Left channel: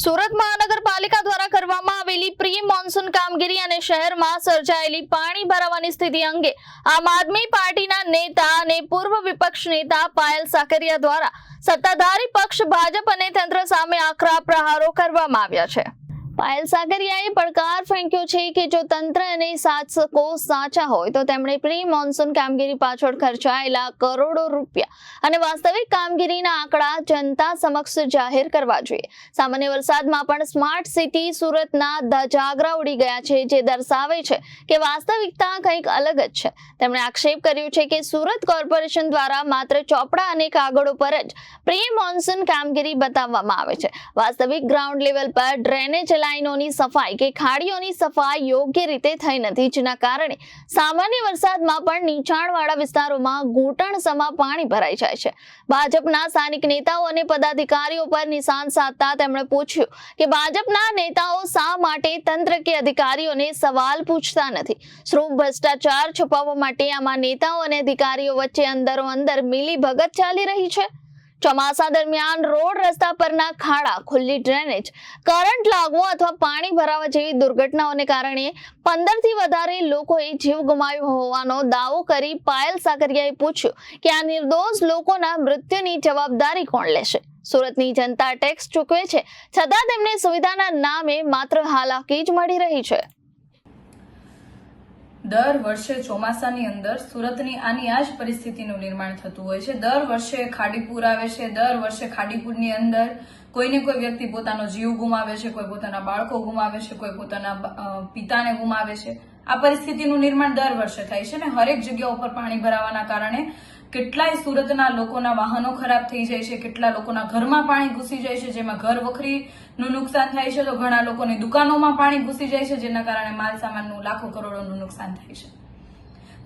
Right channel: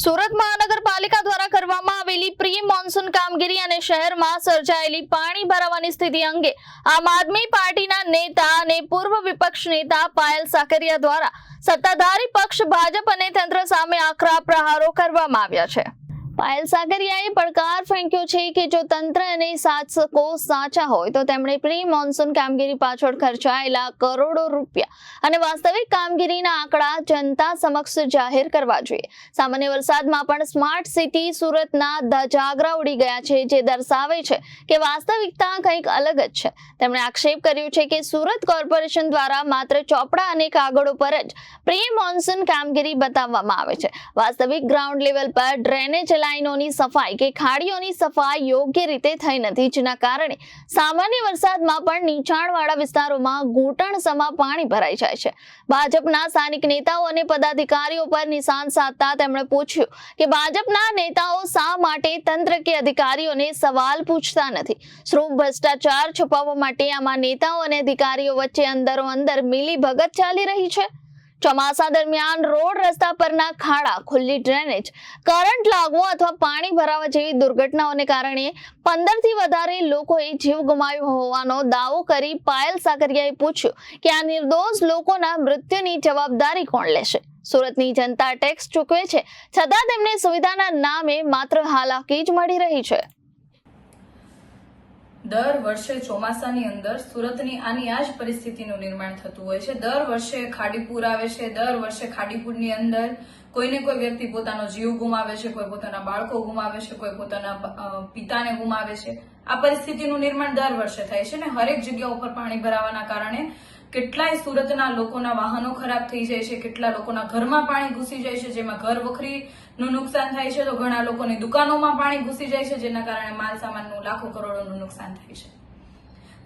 સુરત મહાનગરપાલિકા દ્વારા કરવામાં આવેલી પ્રી મોન્સૂન કામગીરી અને શહેરમાં સર્જાયેલી પાણી ભરાવાની સ્થિતિ અંગે આમ આદમી પાર્ટીના નેતા અને પૂર્વ વિપક્ષ નેતા પાયલ સાકરિયા દ્વારા સત્તાધારી પક્ષ ભાજપ અને તંત્ર સામે આકરા પ્રહારો કરવામાં આવ્યા છે। પાયલ સાકરિયાએ પડકાર ફેંક્યો છે કે જો તંત્ર અને શાસકો સાચા હોય તો તેમણે પ્રી મોન્સૂન કામગીરી પાછળ ખર્ચાયેલા કરોડો રૂપિયા અને વાસ્તવિક કામગીરીના આંકડા જનતા સમક્ષ જાહેર કરવા જોઈએ। સામાન્ય વરસાદમાં પણ સ્માર્ટ સિટી સુરતના ધજાગરા ઉડી ગયા છે, જે દર્શાવે છે કે વાસ્તવિકતા કંઈક અલગ જ છે। તેમણે આક્ષેપ કર્યો છે કે સુરત કોર્પોરેશન દ્વારા માત્ર ચોપડા અને કાગળો પર જ પ્રી મોન્સૂન કામગીરી બતાવવામાં આવે છે। વાસ્તવિક ગ્રાઉન્ડ લેવલ પર ડ્રેનેજ લાઈનોની સફાઈ કે ખાડીઓની સફાઈ યોગ્ય રીતે થઈ નથી, જેના કારણે સામાન્ય વરસાદમાં પણ નીચાણવાળા વિસ્તારોમાં ઘૂંટણસમા પાણી ભરાઈ જાય છે। ભાજપના સ્થાનિક નેતાઓ અને પદાધિકારીઓ પર નિશાન સાધતા તેમણે પૂછ્યું કે ભાજપના નેતાઓ શા માટે તંત્ર કે અધિકારીઓને સવાલ પૂછતા નથી। શું ભ્રષ્ટાચાર છુપાવવા માટે આમાં નેતાઓ અને અધિકારીઓ વચ્ચે અંદરો અંદર મિલીભગત ચાલી રહી છે? ચોમાસા દરમિયાન રોડ રસ્તા પરના ખાડા, ખુલ્લી ડ્રેનેજ, કરંટ લાગવો અથવા પાણી ભરાવા જેવી દુર્ઘટનાઓને કારણે 15 થી વધારે લોકોએ જીવ ગુમાવ્યો હોવાનો દાવો કરી પાયલ સાકરિયાએ પૂછ્યું કે આ નિર્દોષ લોકોના મૃત્યુની જવાબદારી કોણ લેશે? સુરતની જનતા ટેક્સ ચૂકવે છે, છતાં તેમને સુવિધાના નામે માત્ર હાલાકી જ મળી રહી છે। દર વર્ષે ચોમાસાની અંદર સુરતની આની આ જ પરિસ્થિતિનું નિર્માણ થતું હોય છે। દર વર્ષે ખાડીપુર આવે છે, દર વર્ષે ખાડીપુરની અંદર કોઈને કોઈ વ્યક્તિ પોતાનો જીવ ગુમાવે છે, કોઈ પોતાના બાળકો ગુમાવે છે, કોઈ પોતાના પિતાને ગુમાવે છે। આ પરિસ્થિતિનું નિર્માણ દર વર્ષે થાય છે ને હરેક જગ્યા ઉપર પાણી ભરાવાના કારણે કેટલાય સુરતના લોકોના વાહનો ખરાબ થઈ જાય છે, કેટલા લોકોના ઘરમાં પાણી ઘૂસી જાય છે, જેમાં ઘર વખરીનું નુકસાન થાય છે, તો ઘણા લોકોની દુકાનોમાં પાણી ઘૂસી જાય છે, જેના કારણે માલ સામાનનું લાખો કરોડોનું નુકસાન થાય છે।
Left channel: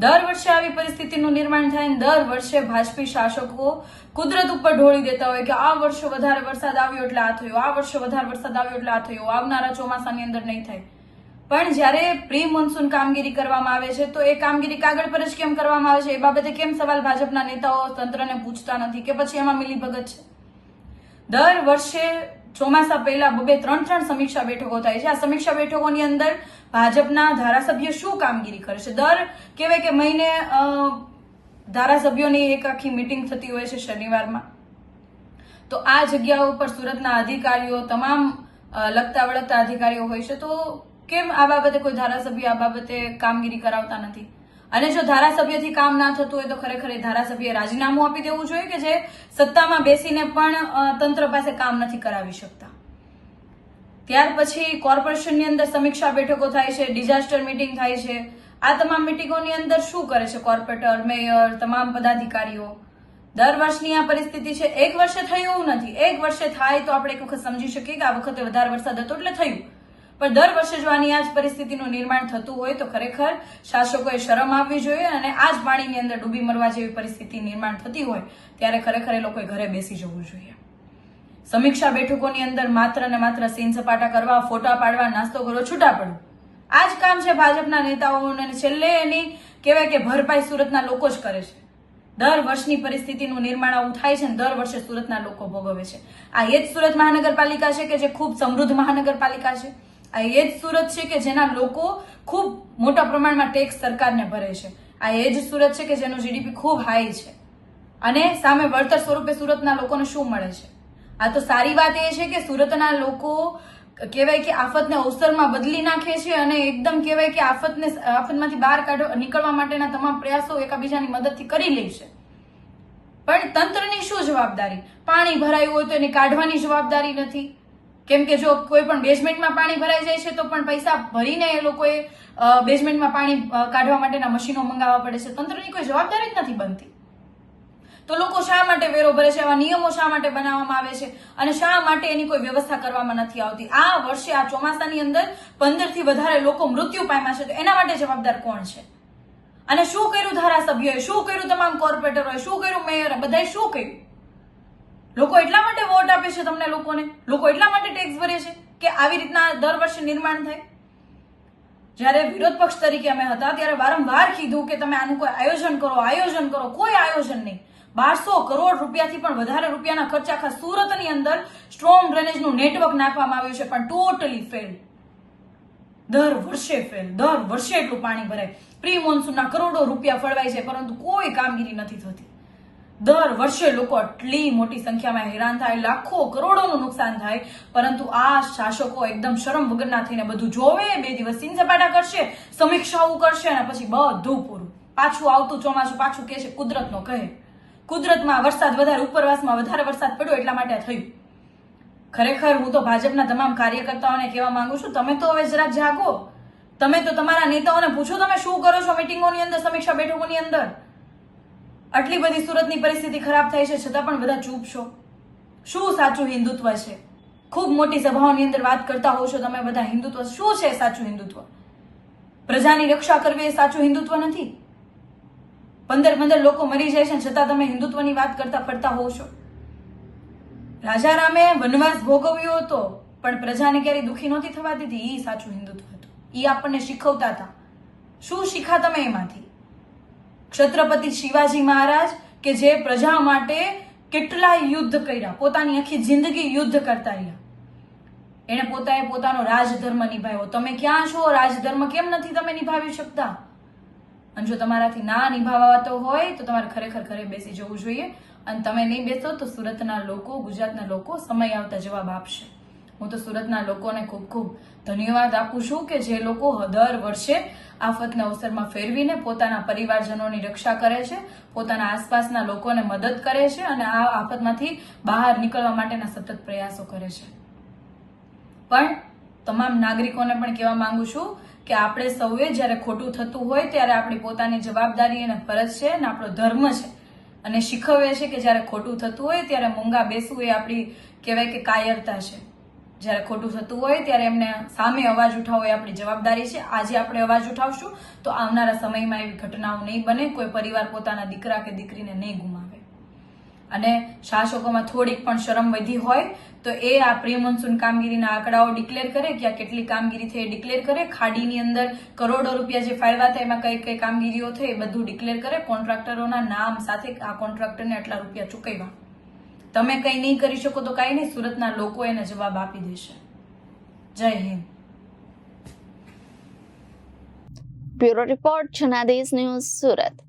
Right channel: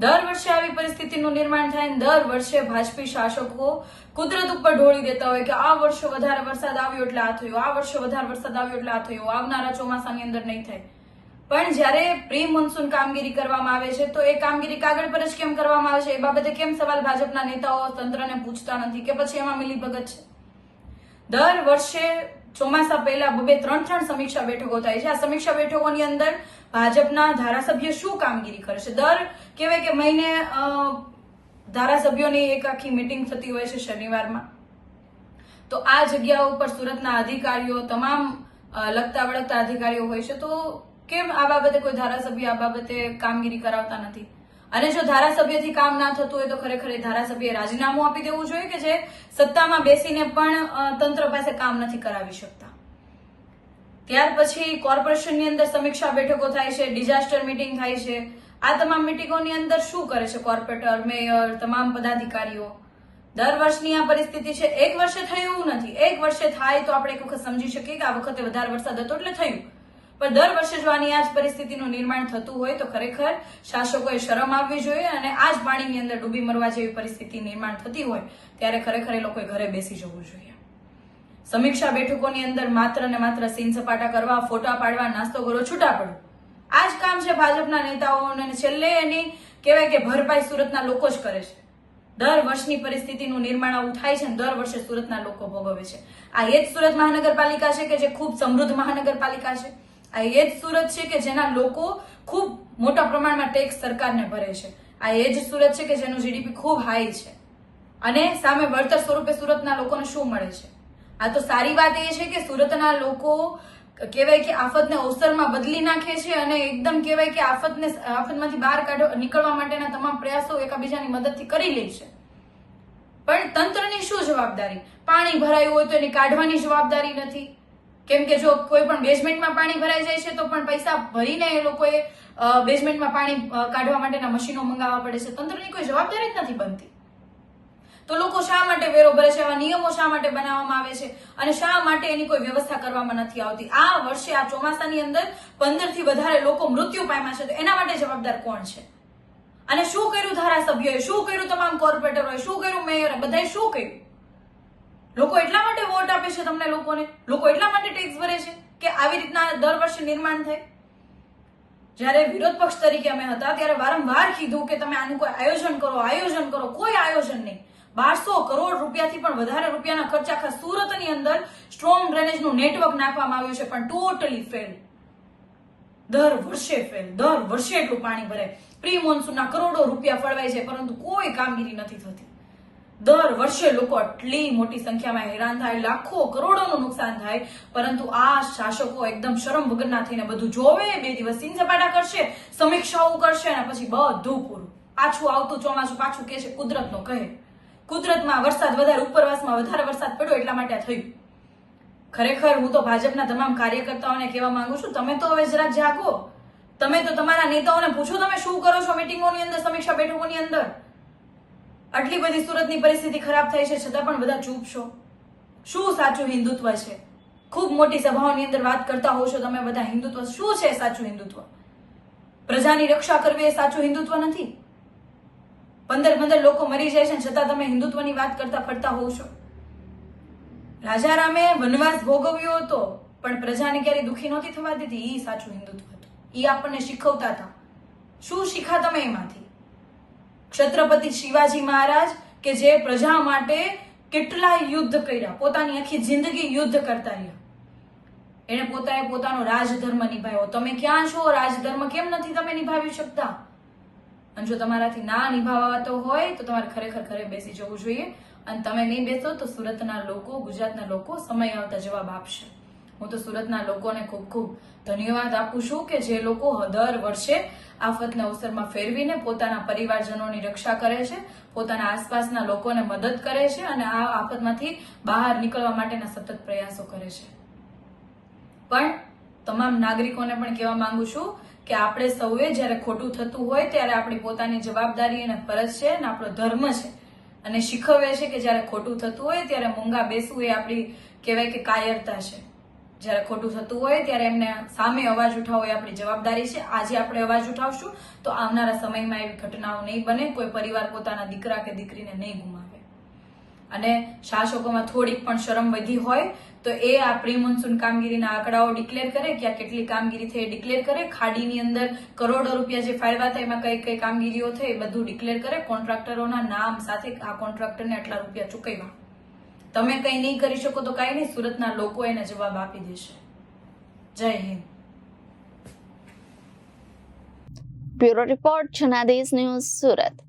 દર વર્ષે આવી પરિસ્થિતિનું નિર્માણ થાય ને દર વર્ષે ભાજપી શાસકો કુદરત ઉપર ઢોળી દેતા હોય કે આ વર્ષે વધારે વરસાદ આવ્યો એટલે આ થયું, આ વર્ષે વધારે વરસાદ આવ્યો એટલે આ થયું, આવનારા ચોમાસાની અંદર નહીં થાય। પણ જ્યારે પ્રી મોન્સૂન કામગીરી કરવામાં આવે છે તો એ કામગીરી કાગળ પર જ કેમ કરવામાં આવે છે એ બાબતે કેમ સવાલ ભાજપના નેતાઓ તંત્રને પૂછતા નથી કે પછી એમાં મિલીભગત છે? દર વર્ષે ચોમાસા પહેલા 2-3 સમીક્ષા બેઠકો થાય છે। આ સમીક્ષા બેઠકોની અંદર ભાજપના ધારાસભ્ય શું કામગીરી કરે છે? દર કહેવાય કે મહિને ધારાસભ્યોની એક આખી મીટિંગ થતી હોય છે શનિવારમાં। તો આ જગ્યાઓ ઉપર સુરતના અધિકારીઓ, તમામ લગતા વળગતા અધિકારીઓ હોય છે, તો કેમ આ બાબતે કોઈ ધારાસભ્ય આ બાબતે કામગીરી કરાવતા નથી? અને જો ધારાસભ્યથી કામ ના થતું હોય તો ખરેખર એ ધારાસભ્યએ રાજીનામું આપી દેવું જોઈએ કે જે સત્તામાં બેસીને પણ તંત્ર પાસે કામ નથી કરાવી શકતા। ત્યાર પછી કોર્પોરેશનની અંદર સમીક્ષા બેઠકો થાય છે, ડિઝાસ્ટર મીટિંગ થાય છે। આ તમામ મીટિંગોની અંદર શું કરે છે કોર્પોરેટર, મેયર, તમામ પદાધિકારીઓ? દર વર્ષની આ પરિસ્થિતિ છે। એક વર્ષે થયું નથી, એક વર્ષે થાય તો આપણે એક વખત સમજી શકીએ કે આ વખતે વધારે વરસાદ હતો એટલે થયું, પણ દર વર્ષે જો આની આ જ પરિસ્થિતિનું નિર્માણ થતું હોય તો ખરેખર શાસકોએ શરમ આવવી જોઈએ અને આ જ પાણીની અંદર ડૂબી મરવા જેવી પરિસ્થિતિ નિર્માણ થતી હોય ત્યારે ખરેખર એ લોકોએ ઘરે બેસી જવું જોઈએ। સમીક્ષા બેઠકોની અંદર માત્ર ને માત્ર સીન સપાટા કરવા, ફોટા પાડવા, નાસ્તો કરો, છૂટા પડો, આ જ કામ છે ભાજપના નેતાઓને। છેલ્લે એની કહેવાય કે ભરપાઈ સુરતના લોકો જ કરે છે। દર વર્ષની પરિસ્થિતિનું નિર્માણ આવું થાય છે ને દર વર્ષે સુરતના લોકો ભોગવે છે। આ એ જ સુરત મહાનગરપાલિકા છે કે જે ખૂબ સમૃદ્ધ મહાનગરપાલિકા છે। આ એ જ સુરત છે કે જેના લોકો ખૂબ મોટા પ્રમાણમાં ટેક્સ સરકારને ભરે છે। આ એ જ સુરત છે કે જેનું જીડીપી ખૂબ હાઈ છે અને સામે વળતર સ્વરૂપે સુરતના લોકોને શું મળે છે? આ તો સારી વાત એ છે કે સુરતના લોકો કહેવાય કે આફતને અવસરમાં બદલી નાખે છે અને એકદમ કહેવાય કે આફતમાંથી બહાર નીકળવા માટેના તમામ પ્રયાસો એકાબીજાની મદદથી કરી લે છે। પણ તંત્રની શું જવાબદારી? પાણી ભરાયું હોય તો એની કાઢવાની જવાબદારી નથી, કેમ કે જો કોઈ પણ બેઝમેન્ટમાં પાણી ભરાઈ જાય છે તો પણ પૈસા ભરીને એ લોકોએ બેઝમેન્ટમાં પાણી કાઢવા માટેના મશીનો મંગાવવા પડે છે। તંત્રની કોઈ જવાબદારી જ નથી બનતી, તો લોકો શા માટે વેરો ભરે છે? આવા નિયમો શા માટે બનાવવામાં આવે છે અને શા માટે એની કોઈ વ્યવસ્થા કરવામાં નથી આવતી? આ વર્ષે આ ચોમાસાની અંદર 15 થી વધારે લોકો મૃત્યુ પામ્યા છે, તો એના માટે જવાબદાર કોણ છે? અને શું કર્યું ધારાસભ્યોએ, શું કર્યું તમામ કોર્પોરેટરોએ, શું કર્યું મેયરે, બધાએ શું કર્યું? લોકો એટલા માટે વોટ આપે છે તમને, લોકો એટલા માટે ટેક્સ ભરે છે કે આવી રીતના દર વર્ષે નિર્માણ થાય? જયારે વિરોધ પક્ષ તરીકે અમે હતા ત્યારે વારંવાર કીધું કે તમે આનું કોઈ આયોજન કરો, કોઈ આયોજન નહીં। 1200 કરોડ રૂપિયાથી પણ વધારે રૂપિયાના ખર્ચ આખા સુરતની અંદર સ્ટ્રોંગ ડ્રેનેજનું નેટવર્ક નાખવામાં આવ્યું છે, પણ ટોટલી ફેલ. દર વર્ષે ફેલ. દર વર્ષે એટલું પાણી ભરાય. પ્રી મોન્સૂનના કરોડો રૂપિયા ફળવાય છે, પરંતુ કોઈ કામગીરી નથી થતી. દર વર્ષે લોકો આટલી મોટી સંખ્યામાં હેરાન થાય, લાખો કરોડોનું નુકસાન થાય, પરંતુ આ શાસકો એકદમ શરમ વગરના થઈને બધું જોવે, 2 દિવસ સીન સપાટા કરશે, સમીક્ષાઓ કરશે અને પછી બધું પૂરું. પાછું આવતું ચોમાસું પાછું કે છે કુદરતનો કહે. કુદરતમાં વરસાદ વધારે, ઉપરવાસમાં વધારે વરસાદ પડ્યો એટલા માટે થયું. ખરેખર હું તો ભાજપના તમામ કાર્યકર્તાઓને કહેવા માંગુ છું, તમે તો હવે જરાક જાગો. તમે તો તમારા નેતાઓને પૂછો, તમે શું કરો છો મિટિંગોની અંદર, સમીક્ષા બેઠકોની અંદર. આટલી બધી સુરતની પરિસ્થિતિ ખરાબ થાય છે, છતાં પણ બધા ચૂપ છો. શું સાચું હિન્દુત્વ છે? ખૂબ મોટી સભાઓની અંદર વાત કરતા હોવ છો તમે બધા હિન્દુત્વ. શું છે સાચું હિન્દુત્વ? પ્રજાની રક્ષા કરવી એ સાચું હિન્દુત્વ નથી. 15 લોકો મરી જાય છે, છતાં તમે હિન્દુત્વની વાત કરતા પડતા હોવ છો. રાજારામે વનવાસ ભોગવ્યો હતો, પણ પ્રજાને ક્યારેય દુઃખી નહોતી થવા દીધી. એ સાચું હિન્દુત્વ હતું. એ આપણને શીખવતા હતા. શું શીખા તમે એમાંથી? છત્રપતિ શિવાજી મહારાજ કે જે પ્રજા માટે કેટલાય યુદ્ધ કર્યા, પોતાની આખી જિંદગી યુદ્ધ કરતા રહ્યા. એને પોતાનો રાજધર્મ નિભાવ્યો. તમે ક્યાં છો? રાજધર્મ કેમ નથી તમે નિભાવી શકતા? અને જો તમારાથી ના નિભાવાતો હોય તો તમારે ખરેખર ઘરે બેસી જવું જોઈએ. અને તમે નહીં બેસો તો સુરતના લોકો, ગુજરાતના લોકો સમય આવતા જવાબ આપશે. હું તો સુરતના લોકોને ખૂબ ખૂબ ધન્યવાદ આપું છું કે જે લોકો દર વર્ષે આફતના અવસરમાં ફેરવીને પોતાના પરિવારજનોની રક્ષા કરે છે, પોતાના આસપાસના લોકોને મદદ કરે છે અને આ આફતમાંથી બહાર નીકળવા માટેના સતત પ્રયાસો કરે છે. પણ તમામ નાગરિકોને પણ કહેવા માંગુ છું કે આપણે સૌએ જ્યારે ખોટું થતું હોય ત્યારે આપણી પોતાની જવાબદારી અને ફરજ છે અને આપણો ધર્મ છે અને શીખવે છે કે જ્યારે ખોટું થતું હોય ત્યારે મૂંગા બેસવું એ આપણી કહેવાય કે કાયરતા છે. જ્યારે ખોટું થતું હોય ત્યારે એમને સામે અવાજ ઉઠાવવો એ આપણી જવાબદારી છે. આજે આપણે અવાજ ઉઠાવશું તો આવનારા સમયમાં એવી ઘટનાઓ નહીં બને, કોઈ પરિવાર પોતાના દીકરા કે દીકરીને નહીં ગુમાવે. અને શાસકોમાં થોડીક પણ શરમ વધી હોય તો એ આ પ્રી મોન્સૂન કામગીરીના આંકડાઓ ડિક્લેર કરે કે આ કેટલી કામગીરી થઈ ડિક્લેર કરે. ખાડીની અંદર કરોડો રૂપિયા જે ફાળવ્યા હતા એમાં કઈ કઈ કામગીરીઓ થઈ એ બધું ડિક્લેર કરે. કોન્ટ્રાક્ટરોના નામ સાથે આ કોન્ટ્રાક્ટરને આટલા રૂપિયા ચૂકવ્યા. તમે કઈ નહીં કરી શકો તો કઈ નહીં, સુરતના લોકો એને જવાબ આપી દેશે. જય Hind. Bureau report Janadesh news, Surat.